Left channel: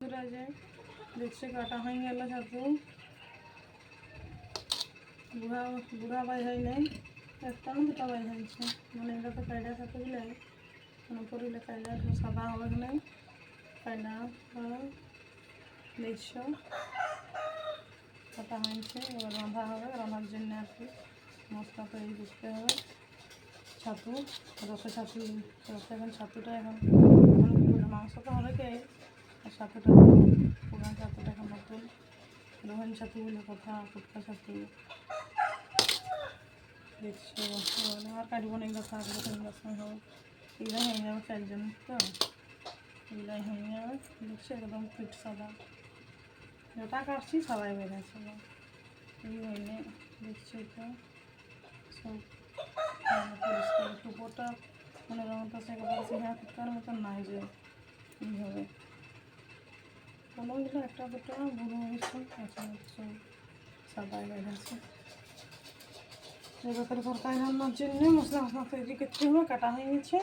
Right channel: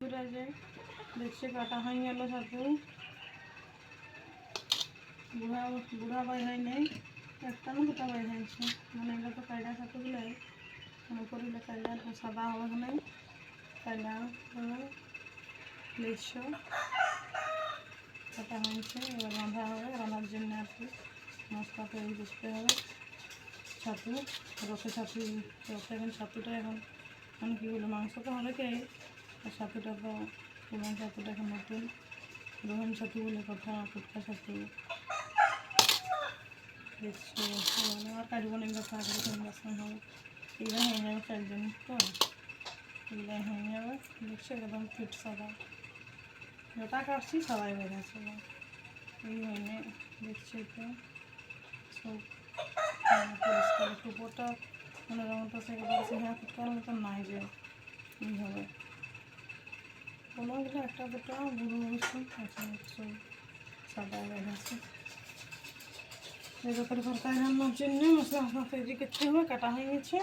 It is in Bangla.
যায় দেখছে কাটা হয়ে গেল ছাতু বুড়া বুড়া বাই হয় নাই একটা না দুটা বাই হয়েছে মানে এগুলো তো কায়দা ছাতুগুলো পরিলে কায়দা সাদা হবে নাই কায়দা দেখছো কাটা হয়েছে এবার রাঁধা হবে রান্নার জন্য আর কি মশলা তৈরি করতে হবে ছাতু রসে ছাতু রসে এখন ছাতুটা এখন এখন কী বলে মাংস তো হবে কে আর ছাতুটা পুরান ছাতুটা এখন নতুন রোহন ছাতু বলে কথা ফুটকা ছাতু দেখছো আর কাটবো না এগুলো থাকবে তিনটার সময় হবে এগুলো হয়ে যাবে চারজন তো এগুলাই হয়ে যাবে দেখছো একদম ফিট সাদা যেটা কাটছি সবাই বেড়েছে এই হয়নি দেখছি তো সব পরিষ্কার টুপোটা মানে রঙটা সেগুলো হ্যাঁ ফুটকার মতন নাই যে এই হবে কোনোগুলো একটা দুটো বুড়ো অবস্থা আছে সব সাদা বেড়েছে এই ব্যাপারে তরকারি রান্নার জন্য মশলা তৈরি করতে হবে কাটা হয়ে গেছে